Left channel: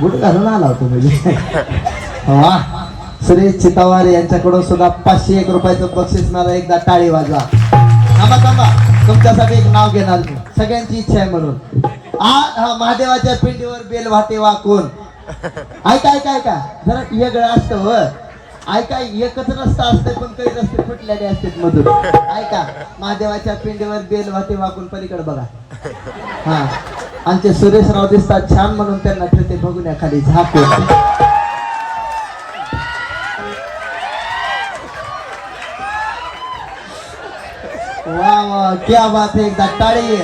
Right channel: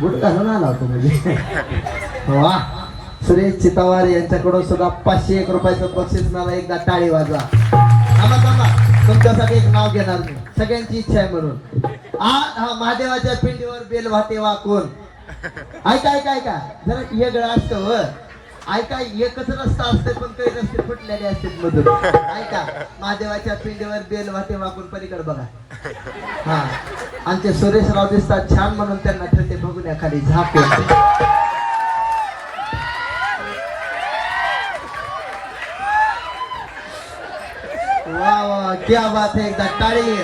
Good घालून आला होतो म्हणजे. वा, सुरेश चितावार यांच्याकडून सुद्धा 501 रुपयाचं बक्षीस मिळालं. एकदा टाळी वाजवा. तुमच्यासाठी एक नाव घेणार मी, सगळ्यांची इच्छा आहे म्हणून. हा महादेवाच्या पिंडीवर बेल वाटे वाकून. ऐका ऐका ऐका, जरा वेगळं असतं हो. ऐका, एकच रस्ता असते पण काही रस्ते फुटलेले असतात मधून. ऐका, महादेवाच्या पिंडीवर बेल वाटे वाकून पलीकडे बघा. हा, आमचे सुरेशराव दिसतात छान म्हणून त्यांना ठेवते बघून या खाली झाकून. वाह वाह, क्या बात है, एकदा टाळी.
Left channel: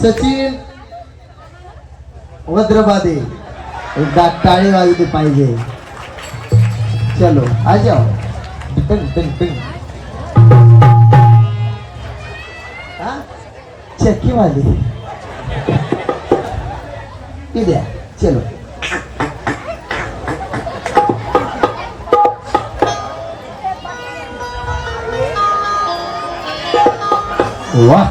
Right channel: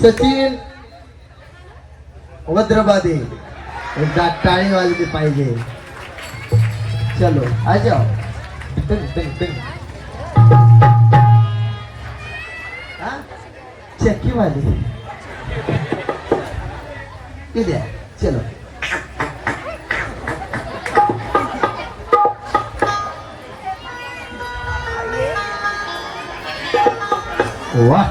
सचिन वज्रबादे, एकदा टाळी वाजली पाहिजे. चलो आ जाओ. चक्की वाली इधर. चलो वाह.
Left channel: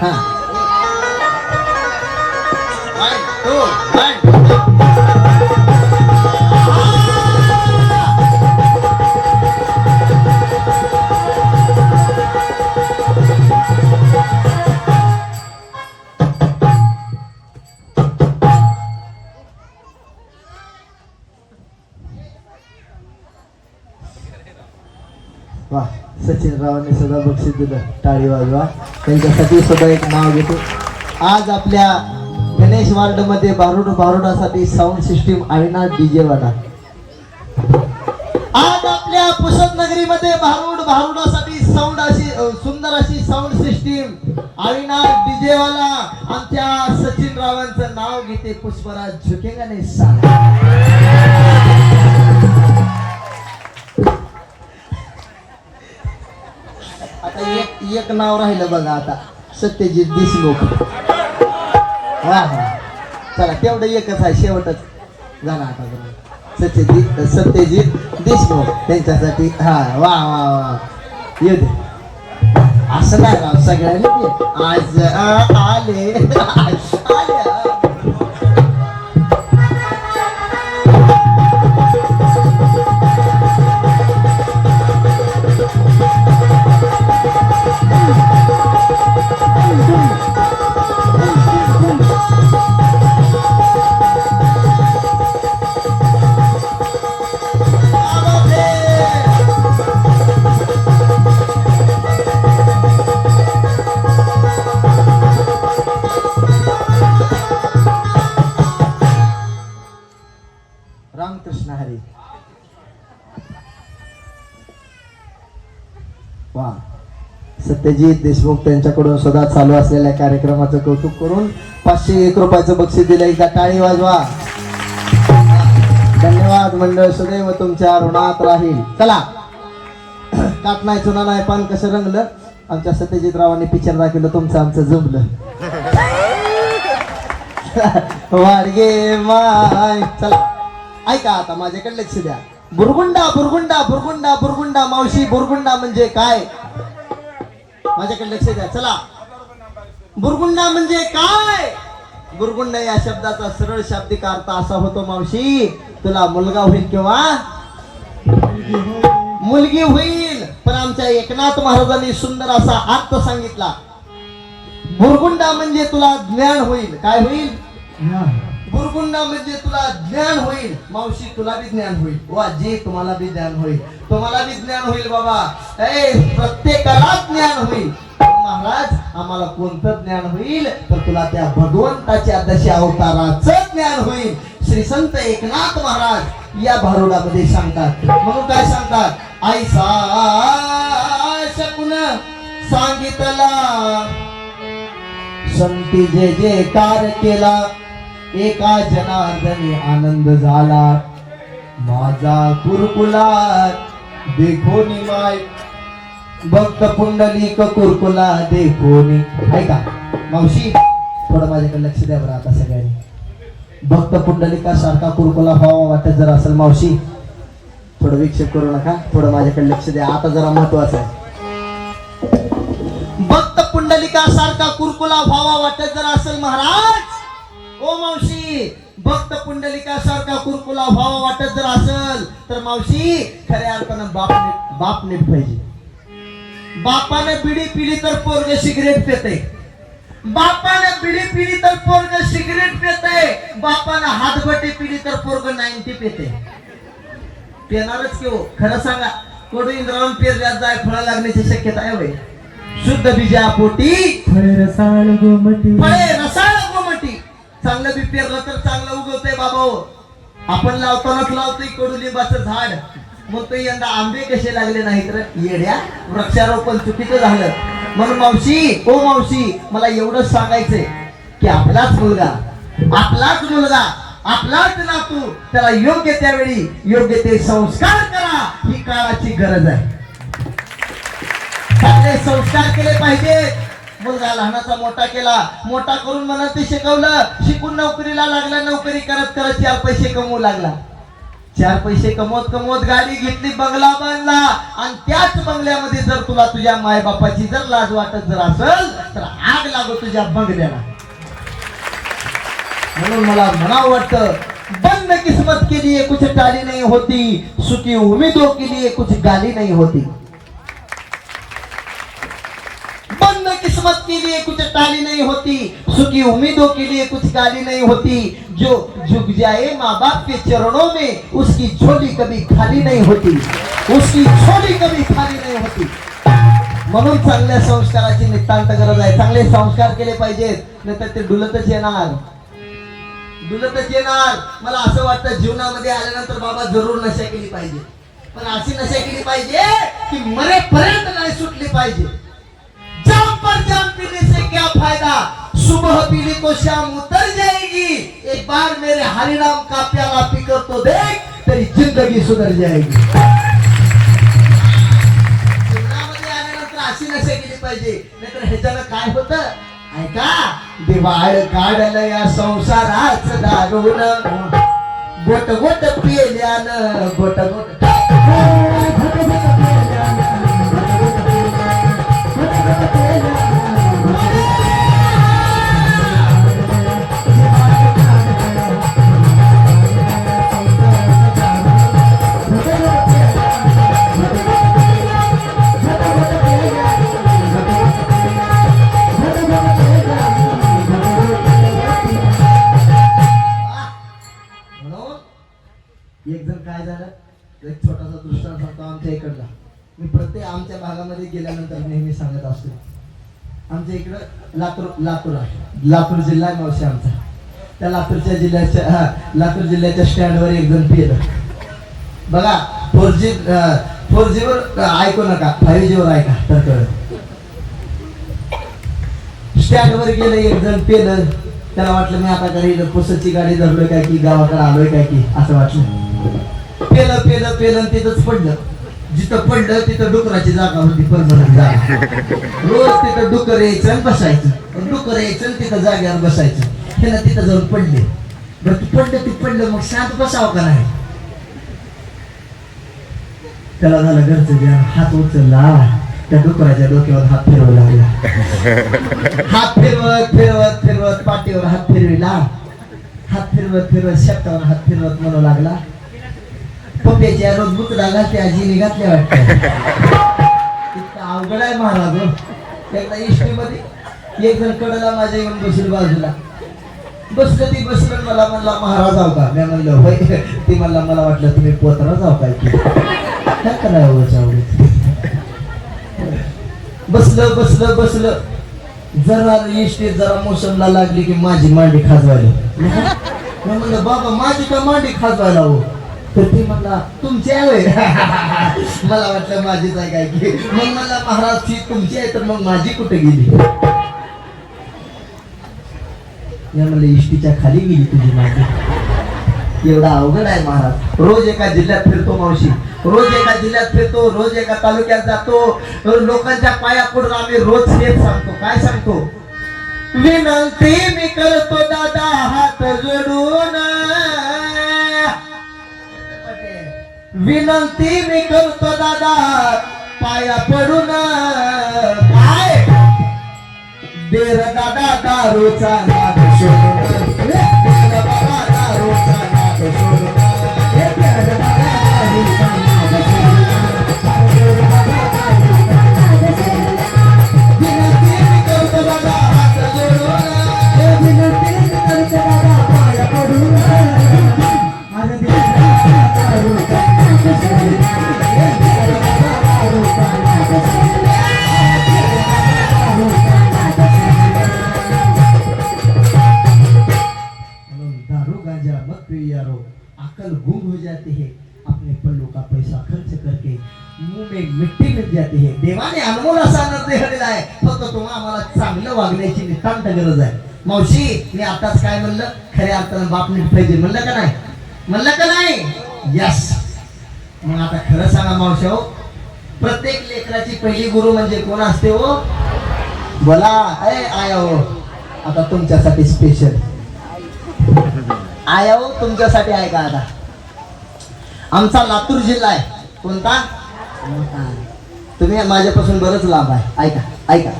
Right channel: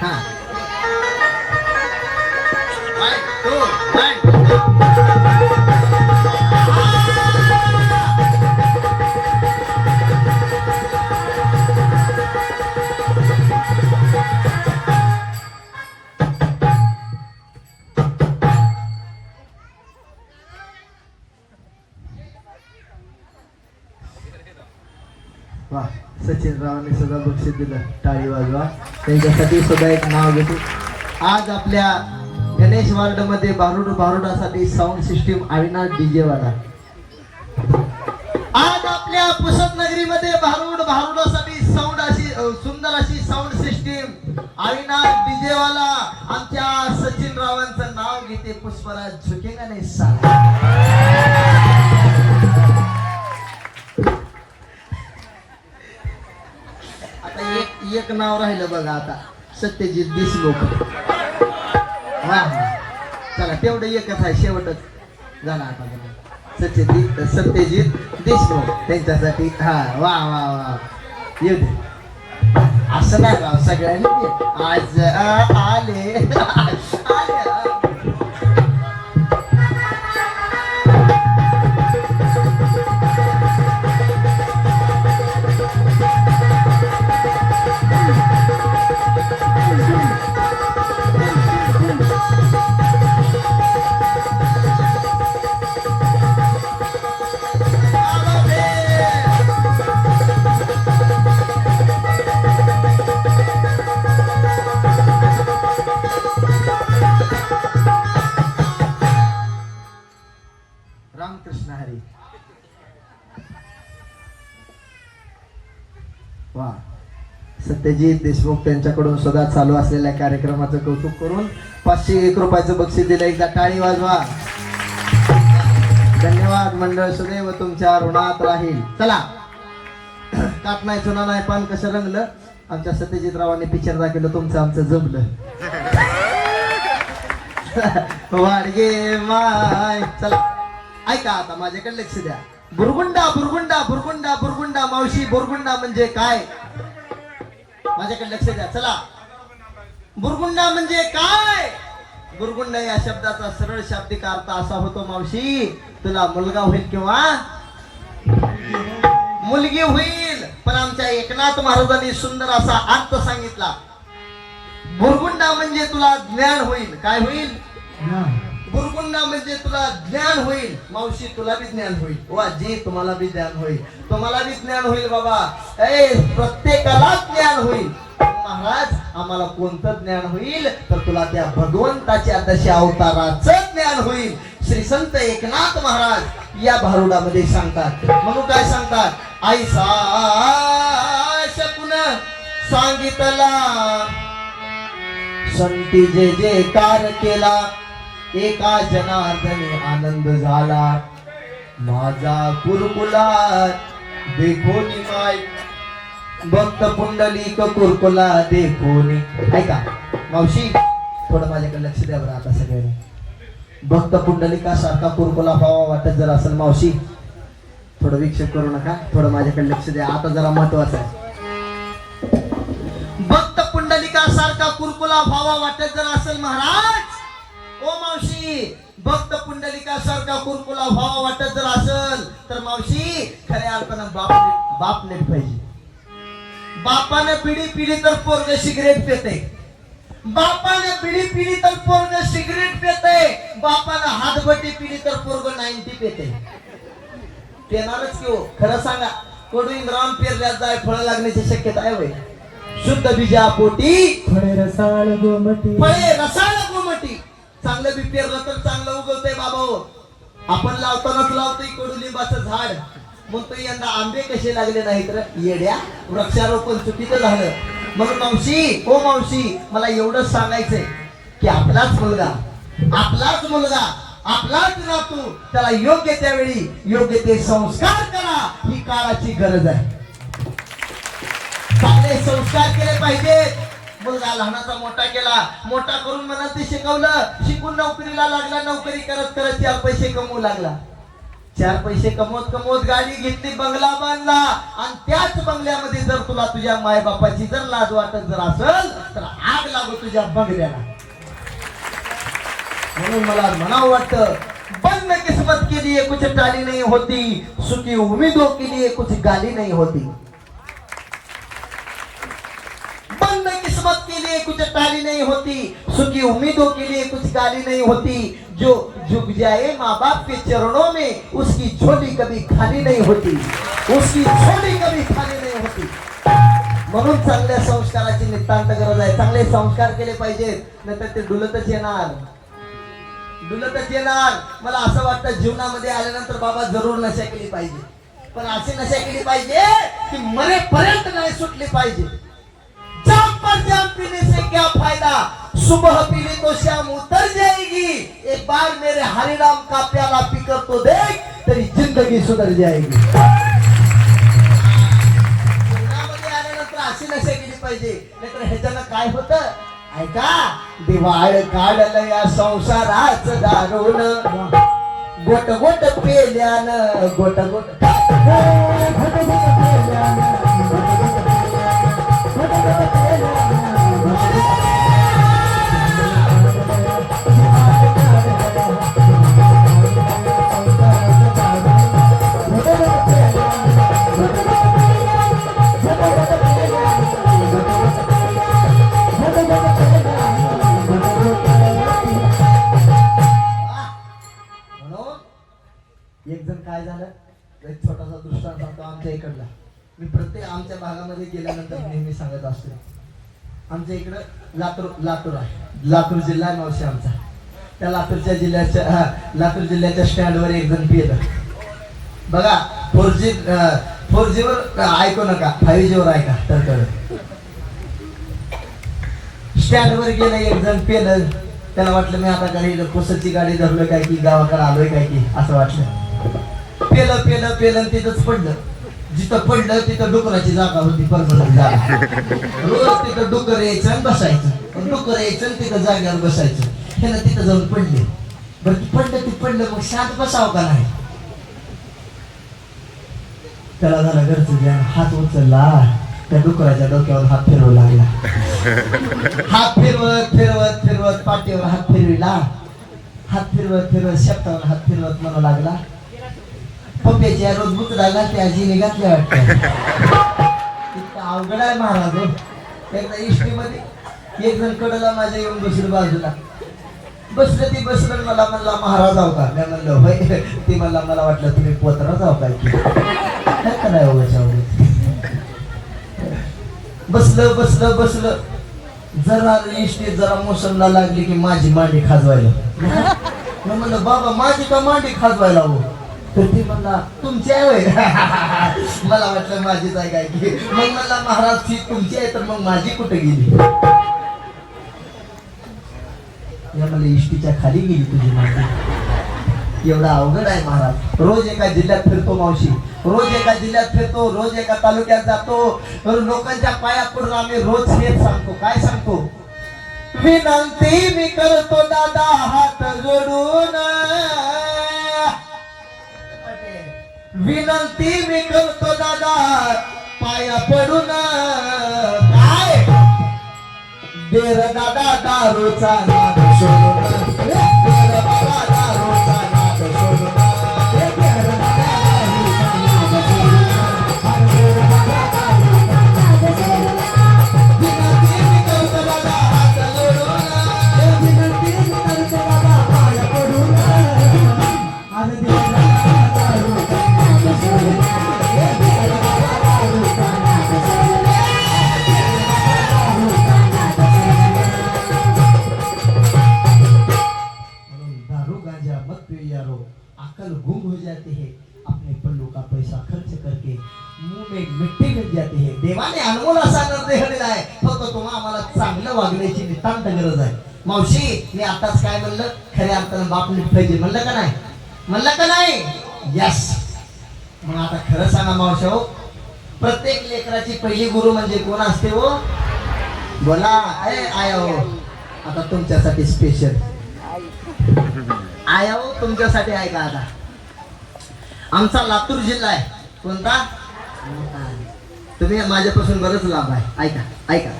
हाँ, वाह, सचिन रावांनी सुद्धा बक्षीस दिलं. टाळी वाजवा. त्यांच्यासाठी सुद्धा एक नाव घेतो. आज आपल्या गणेश वार्ड मध्ये भारुडासाठी साऊंड सिस्टीम आईना डीजे वाला. आज आपल्या पुसद नगरी मध्ये भारुडासाठी साऊंड अशी सुंदर अशी साऊंड सिस्टीम आईना डीजे वाला आमच्या सचिन रावांचं नाव घेते. पुष्पराज झुकेगा नाही साला. आता एक नाव राहिलं बघा आता, सत्यजित देशमुख. हा हा, चला तेवढं एकच आहे, शेवटच झाला आता. सत्यजित देशमुख त्यांच्यासाठी. हा वा वा वा, ये दे. असं नाही राव, सगळ्यांनी आज आले रामकृष्ण हरी. वा, सत्यजित देशमुख त्यांच्याकडून सुद्धा चालू असलेल्या कार्यक्रमाचं कौतुक करून 501 रुपयाचं बक्षीस दिलं. एकदा टाळी वाजवा. धन्यवाद मंडळ, सदैव तुमच्या ऋणात राहील. चला, काट नाही चुना नाही पान कसं रंगलं. आमच्या सत्यजित रावांनी पिक्चर दाखवलं, तुमचं आमचं जमलं. वाडगे माय. चला ऐका, आता माझ्याकडे लक्ष द्या. बुरगुंडा बुरगुंडा बुरगुंडा बुरगुंडा. मावशी, बुरगुंडा म्हणजे काय? माझ्याकडे लक्ष द्या. चला, बुरगुंडा म्हणजे काय? बुरगुंडा या शब्दाचा सरळ शाब्दिक अर्थ असा होतो, मावशी तुला मुलगा होईल किंवा मुलगी होईल. पण आमच्या एकनाथ महाराजांनी सुंदर असा अर्थ सांगितला. बुरगुंडा म्हणजे तुला ज्ञान होईल. काय होईल? बुरगुंडा म्हणजे तुला ज्ञान होईल. मावशी तुला बी ज्ञान होईल. वा जी, तुम्हाला बी ज्ञान होईल. तुम्हाला बी ज्ञान होईल बाबा. प्रत्येकाला ज्ञान होईल. महाराज, आम्हाला कोणतं ज्ञान होईल? तर तुला त्या भगवंताच्या दशा अवताराचं ज्ञान होईल. श्री संत एकनाथ महाराज या भारुडामध्ये सांगतात. म्हणून काय सांगतात? ऐसा शकून सांगितला, संती जे जे कार केला, एका जनार्दनी आनंद झाला. माझा कुरकुलात देखोनी माय, भक्त पुंडलिक कुरकुला देखोनी. ऐका मावशी, थोडं माझ्याकडे लक्ष द्या बरं आता सगळ्यांनी. भक्त पुंडलिकासारखा कुरकुला व्हावा वाटत जर असेल मावशी, थोडं विक्षेप करू नका, थोडं माझ्याकडे लक्ष द्या. आता जरा महत्वाचं आहे. भक्त व्हावा वाटत जर असेल महाराज, ओ मावशी, भक्त पुंडलिकासारखा कुरकुला व्हावा वाटत जर असेल तर मावशी खऱ्या अर्थानं बाप नीट पाहिजे. बापाने बिडी पिली तर पोरग सिगरेट पिते, बापाने बिडी पिली तर पोरग सिगरेट पिते, बापाने हातबट्टी पिली तर पोरग 90 पिते. पेणारच की हो, खरं सांगा. कोडू इंद्रावण पेरल्यात जाय फळ लागण्याची शक्यता आहे होय. शुद्ध बीजापोटी फळे रसाळ गोमटी, फळे रसाळ गोमटी. चांगलं बी पेरलं तर चांगलं उगवतंय बाबा. आपण लावतानाच लावतोय कडुलिंबाचं झाड, मग तो यंदा आंबे कसे लागले नाहीत रे येड्या. वृक्षारोपण चुकीचं झालं. म्हणून मावशी, ओ मावशी, मला एवढंच सांगायचंय की आपलाच मुलगा, आपलाच नातू, त्याला योग्य त्यावेळी योग्य ते संस्कार करा. ही काळाची गरज आहे. चांगले संस्कार केले पाहिजे. मुलगा लहानाचा मोठा केला, मोठा करून मला ते शिकवलं, शिकून नोकरीला लागला, नोकरी करत करत 4 पैसे कमवू लागला. 4 पैसे कमवत गाडी घेतली, बंगला बांधला, आणि त्याच बंगल्यामध्ये जर तुला तुझ्या माय बापाची जर लाज वाटत जर असेल तर आग लागो तुझ्या बंगल्याला. म्हणून मला म्हणावं वाटतं, बंद किस्मत के लिए कुछ टाली नहीं होती, सुखी उम्मीदों के लिए कुछ गाली नहीं होती. बंद किस्मत के लिए कुछ टाली नहीं होती, सुखी उम्मीदों के लिए कुछ गाली नहीं होती. जो झुक जाए माँ बाप के चरणों में, उसकी झोली कभी खाली नहीं होती, उसकी झोली कभी खाली नहीं होती. म्हणून चांगल्या संस्काराची नितांत गरज आहे. चांगले संस्कार केले पाहिजेत, नाहीतर ते डुलतच येणार. मला असं वाटतं जीवनामध्ये आल्यानंतर बाबा जरूर नशा केली पाहिजे, पण अशी नशा केली पाहिजे की मरेपर्यंत नाही सुटली पाहिजे. जाम पर जाम पीने से क्या फायदा, सुबह पीली तो शाम उतर जाएगी. एक बार मेरे हरिनाम का प्याला पीकर तो देख, तेरी जिंदगी सुधर जाएगी. जीवनामध्ये आल्यानंतर अशी नशा केली पाहिजे, नाहीतर ह्याच्यानं काय होतं ऐका. दिवाळ काढलं या संसाराच दारून, गोट गोट पेल्यानं, गोट गोट एक जण काय झालं, एक छोटासा दृष्टांत सांगतो आमच्या इकडला. मी प्रत्येक आमच्या भागामध्ये गेल्यानंतर नेहमी सांगत असतो. आमच्या इकडं लातूर आहे, लातूर जिल्हा आहे मावशी आमचा. त्या लातूर जिल्ह्याच्या स्टँडवर एक जण पेलं. बघा 4G वर ऐकू नका, 5G वर ऐका तर कळत. स्टँडवर गेलं एक जण पेलं. त्याला वाटलं मी आता काही पुसाची गाडी धरलोय काय की गावाकडे आलोय काय की असं वाटलं. पेलं तिथंच पडलं. जिथं पडलं तिथं डुकराची जागा होती, परमनंट जागा. रोज तिथं डुकर यायचं आणि बसायचं, डुकर यायचं आणि तिथं जाग्यावर बसायचं. ह्याला तिथं जाऊन पडले. बरं ती पडलं मग शांत बसावं का नाही. त्याला झालं घरचं ज्ञान, हात उचलला, त्या डुकराच्या डोक्यावर हात फिरवू लागला. हात फिरवत पाठीवर हात फिरविला, हात फिरवत शेपटावर हात फिरवत म्हणू लागला, पप्प्याच्या रोज बुकडा घातल्या आजीने घातल्या वाटतं. इतका अवघड आहे महाराज. एकदा इष्टीमध्ये एक जण कडला माझ्या येऊन दुसरी बाजूला बसलं. मला म्हणला महाराज आहो का. मी म्हणलं होय. ती म्हणला मला वाटलं तुम्ही पोतरा जाऊ काय की बसलं. जरा इष्टी जरा मोसमला लागली की माझी मांडी खाजवायला. मी म्हणलं बाबा माझी का मांडी खाजवायला हो. तर ती म्हणला तुमची आहे होय. मला वाटलं माझीच आहे काय की. मग म्हणला महाराज ती तुमची आहे तर मग माझी कुठे गेली. म्हणलं इष्टीच्या खाली गेली तुझी मांडी. एवढा अवघड आहे महाराज. रोज एका जिल्ह्यात फिरतो मावशी, रोज एका जिल्ह्यात फिरतो, रोज एका तालुक्यात जातो. लोकांच्या पाया पडून आम्ही रोज हेच सांगतो. काय सांगतो, विनंती मी करतो दादा हात जोडून, विनंती मी करतो दादा पाया पडून. काय देर दादा दारूचा नाद सोडून देर बाबा दारूचा नाद सोडून विनंती करतो दादा हात जोडून विनंती करतो दादा पाया पडून आज दारू गांजा मत पियो यारो, अकल गुम हो जाती है अपने पल्लू का पैसा खर्च करके मुंह में मिट्टी मिल जाती है. देवाने अनमोल असा निर्णय दिला आहे, फक्त तुम्हा आम्हाला चांगलं वागण्याची नितांत गरज आहे. मावशी मी आताच काय म्हणलं, खऱ्या अर्थानं बाप नीट पाहिजे म्हणलं का नाही, म्हणलं का नाही. यस. मग आता खरं सांगा मावशी हो, प्रत्येक लेकराची पहिली गुरु म्हणजे कोण असते हो, बोला. आया हो, आता तुमच्यासाठी स्पेशल आया हो, तुमच्यासाठी आहे का. आता आमचा लातूर जिल्हा आहे. कोणता. तुम्ही माझ्यापासून बरंच लांब आहे. ऐका ऐका,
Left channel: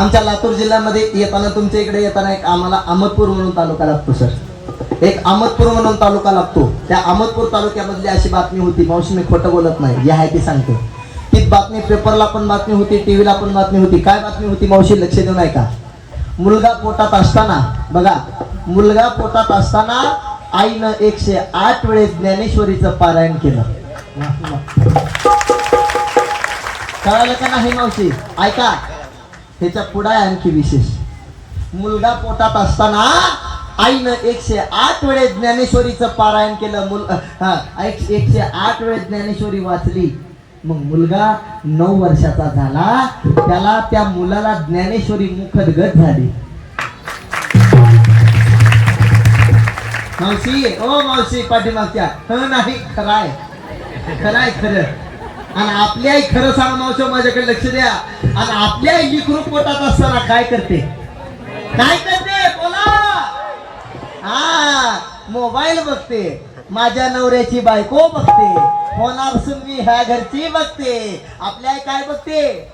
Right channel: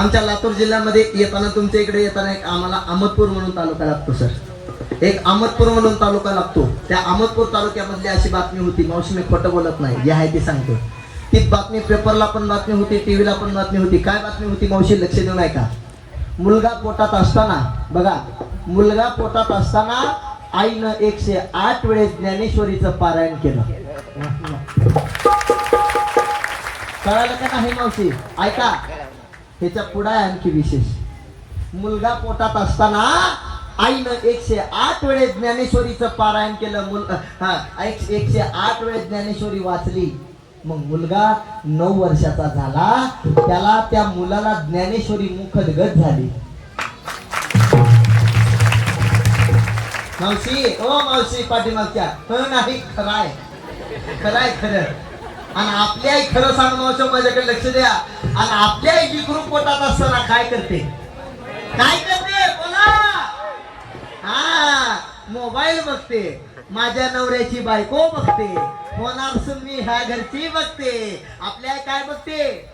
आमच्या लातूर जिल्ह्यामध्ये येताना, तुमच्या इकडे येताना एक आम्हाला अहमदपूर म्हणून तालुका लागतो सर. एक अहमदपूर म्हणून तालुका लागतो. त्या अहमदपूर तालुक्यामधली अशी बातमी होती, मावशी मी खोटं बोलत नाही, जे आहे ते सांगतो. ती बातमी पेपरला पण बातमी होती, टीव्हीला पण बातमी होती. काय बातमी होती मावशी, लक्ष देऊ नाही का. मुलगा पोटात असताना, बघा, मुलगा पोटात असताना आईनं 108 वेळेस ज्ञानेश्वरीचं पारायण केलं. कळालं का नाही मावशी. ऐका, ह्याच्या पुढे आणखी विशेष. मुलगा पोटात असताना आईनं 108 वेळेस ज्ञानेश्वरीचं पारायण केलं. 108 वेळेस ज्ञानेश्वरी वाचली. मग मुलगा 9 वर्षाचा झाला, त्याला त्या मुलाला ज्ञानेश्वरी मुखदगत झाली. मावशी, ओ मावशी पाठीमागच्या, नाही खराय खराय खरं. आणि आपली आई, खरं सांग मावशी, माझ्याकडे लक्ष द्या. आणि आपली आई लिकरू पोटात असताना काय करते, काय करते बोला. हा, मोबाईल बघते, माझ्या नवऱ्याची बायको बघते, होणार सुनवी ह्या घरची बघते. आपली आई काय बघते,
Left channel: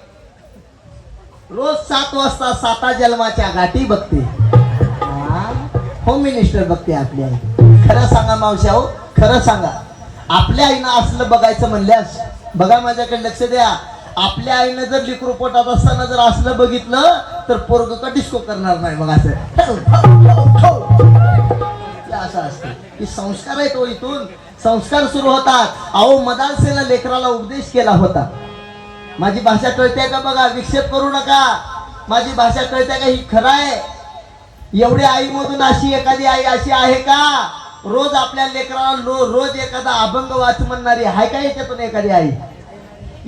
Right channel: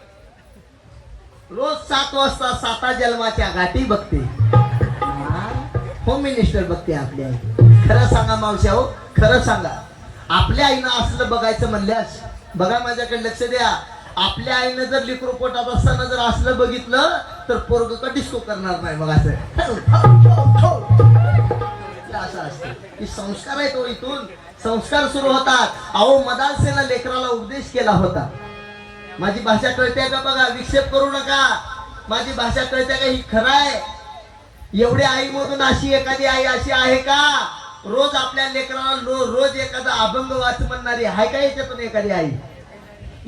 रोज 7 वाजता 7 जन्माच्या गाठी बघते. होम मिनिस्टर बघते आपली आई. खरं सांगा मावशी हो, खरं सांगा, आपल्या आईनं असलं बघायचं म्हणल्यास, बघा माझ्याकडे लक्ष द्या, आपल्या आईनं जर लिकरू पोटात असताना जर असलं बघितलं तर पोरग का डिस्को करणार नाही. मग असं असतं की संस्कार आहे तो, इथून संस्कार सुरू होतात. अहो मदानसेला लेकराला उपदेश केला होता. माझी भाषा कळते का बघा, विक्षेप करू नका. माझी भाषा कळते का, ही खरं आहे. एवढी आई मधून अशी एखादी आई अशी आहे का, रोज आपल्या लेकराला रोज एखादा अभंग वाच म्हणणारी आहे का याच्यातून एखादी आई.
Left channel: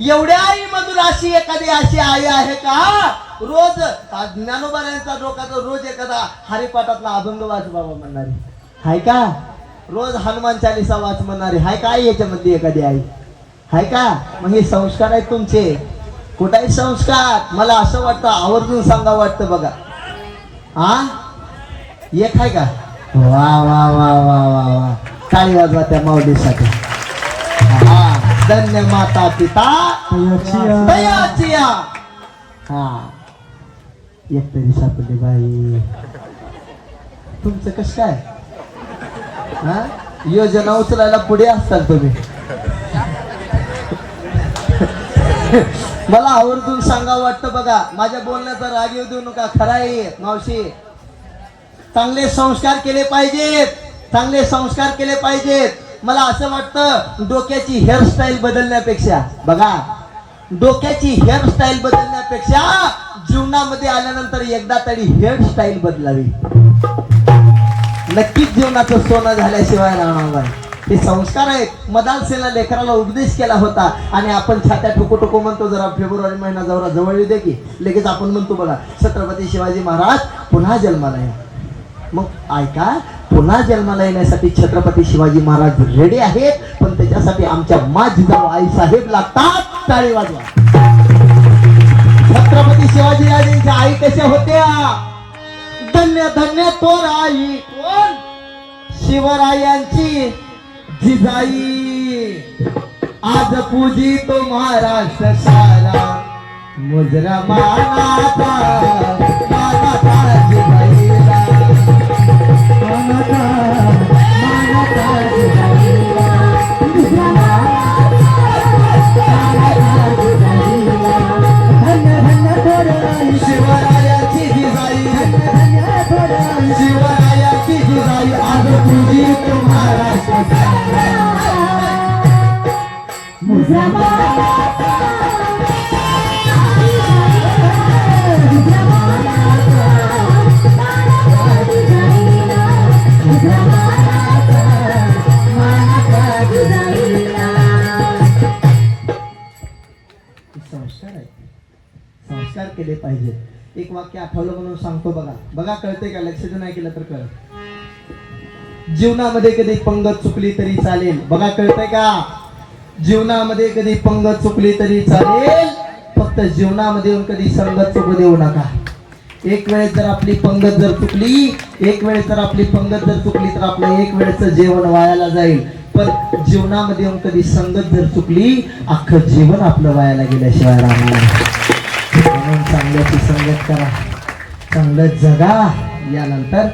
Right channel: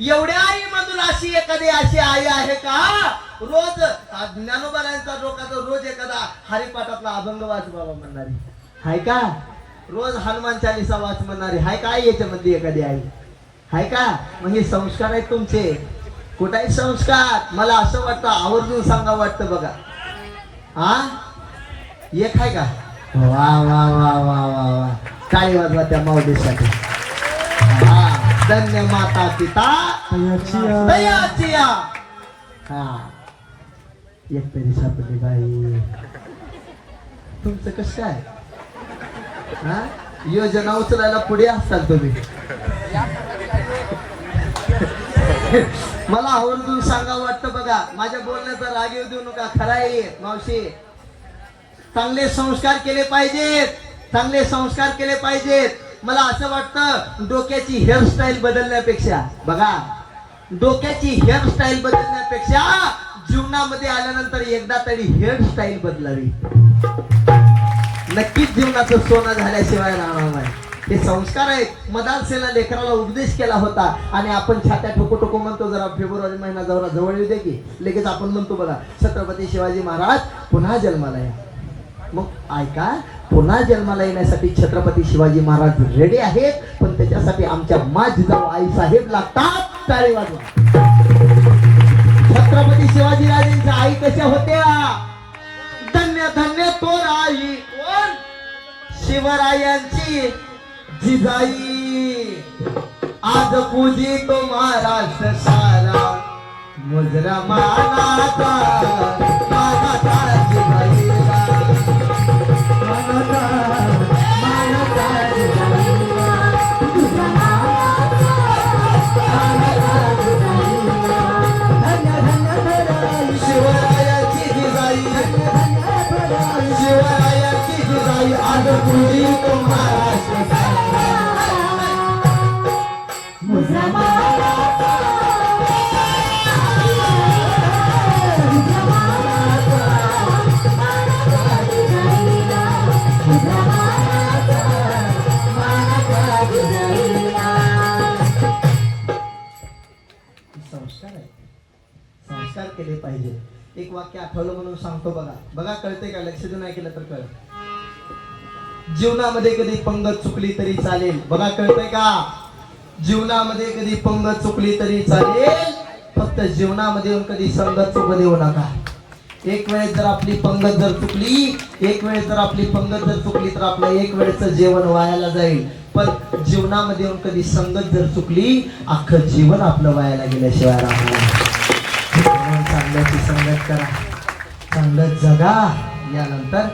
एवढ्या आई मधून अशी एखादी अशी आई आहे का, रोज ज्ञानोबाऱ्यांचा डोकाचा रोज एखादा हरिपाठातला अभंग वाच बाबा म्हणणारी आहे का, रोज हनुमान चालीसा वाच म्हणणारी आहे का याच्यामधली एखादी आई आहे का. मग हे संस्कार आहेत तुमचे. कुठाही संस्कार, मला असं वाटतं आवर्जून सांगा वाटतं बघा. हा, एक आहे का. वा वा वा वा वा वा, टाळी वाजवा त्या माऊलीसाठी. हा, धन्य माता पिता दयाचिया. हा, एक तरी सापडली बाई. तुमचं कसं काय, हा, योजना उचलायला पुढे असताल तुम्ही. मला आवर्जून सांगा वाटतं बघा, माझ्या बोलण्याचा राग येऊ देऊ नका. खरं आहे मावशी, चांगले संस्कार केले पाहिजेत, चांगले संस्कार केले पाहिजेत. मला असं वाटतं डोक्याची हेअरस्टाईल बदलण्यापेक्षा, बघा, डोक्याची हेअरस्टाईल बदलण्यापेक्षा जीवनामध्ये आल्यानंतर एकदा तरी हेअरस्टाईल बदलावी. नक्कीच जीवनाचं सोनं झाल्याशिवाय राहणार नाही. हे संस्कार आहेत. मदानसेला लेकराला उपदेश केला होता आणि आपण छात्या ठोको ठोको म्हणतो. जरा फेब्रुवारी महिना जवळ येऊ दे की लगेच आपण म्हणतो बघा, छत्रपती शिवाजी महाराज पुन्हा जन्माला येईल. मग ऐका, पुन्हा जन्माला येण्यासाठी छत्रपती शिवाजी महाराज रेडी आहेत, पण त्याच्यासाठी आमच्या जिजाऊ आई साहेब लागतात. टाळी वाजवा. छत्रपती शिवाजी राजांच्या आई कशा होत्या, धन्य धन्य तोर आई कोण, शिवरायांची जिजाई. आज पूजी तो महाराष्ट्र सारा, मुजरा मानाचा संस्कार केले पाहिजे. एक वाक्य आठवलं म्हणून सांगतो बघा. बघा कळते का? लक्ष देऊन ऐकलं तर कळ. जीवनामध्ये कधी पंगत चुकली तरी चालेल. बघा कळतंय का? जीवनामध्ये कधी पंगत चुकली तरी चालेल, फक्त जीवनामध्ये येऊन कधी संगत चुकू देऊ नका. एक वेळेस जर आपली पंगत जर चुकली, एक वेळेस जर आपली पंगत जर चुकली तर आपलं एक वेळेचं जेवण वायाला जाईल. पण जीवनामध्ये येऊन कधी संगत जर चुकली, अख्खं जीवन आपलं वायाला गेल्याशिवाय राहणार नाही. म्हणून चांगल्याची संगत करा, चांगलं जगा. यानंतर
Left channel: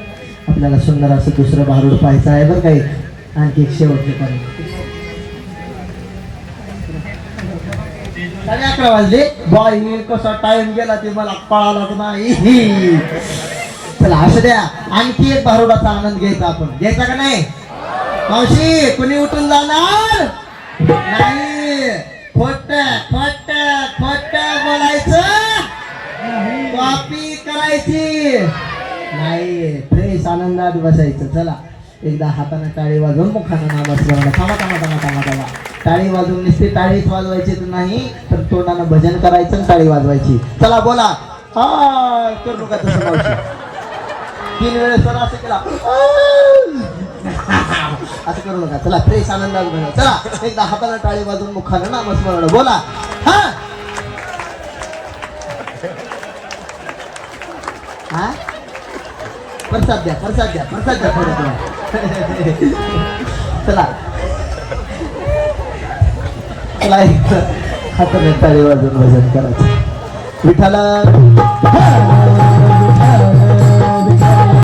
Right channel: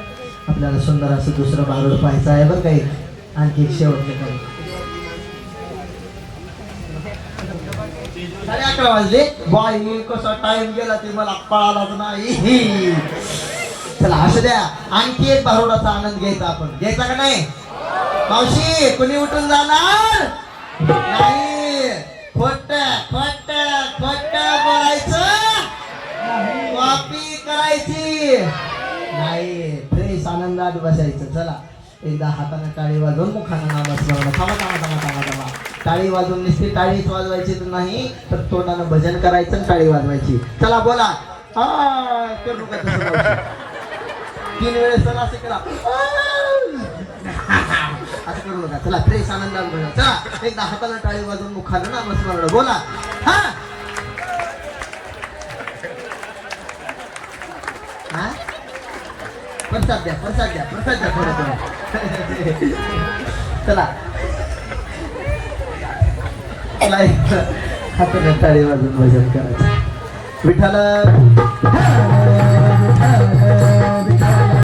आपल्याला सुंदर असं दुसरं भारूड पाहायचं आहे बरं काही. आणखी एक शेवटचे कारण 11:30 वाजले. बाई कसा टाइम गेला ते मला कळालाच नाही. चला असं द्या, आणखी एक भारुडाचा आनंद घ्यायचा. आपण घ्यायचा का नाही? मावशी कुणी उठून जाणार नाही. खोट खोट खोट बोलायचं, कॉपी करायची नाही. फ्रेश आनंदात बसायचं. चला एकदा हाताने टाळी वाजवून मुखाने नामस्मरण. थांबा थांबा थांबा थांबा थांबा. टाळी वाजवून नुसती टाळीच वाजवायची तर नाही, तर तोंडानं भजन करायचं आणि टाळी वाजवायची. चला बोला. हा करू नका तसं मावशी. 3 वेळेस चला असं केला. असं करू नका. चला फ्रेश आनंदात बोला. चला एकदा हाताने टाळी वाजवून मुखाने नामस्मरण बोला. हा हा प्रसाद द्या, प्रसाद द्या, प्रसाद द्या थोडं थोडं. चला चला एक हाताने टाळी वाजवून भजन करायचं. विठ्ठल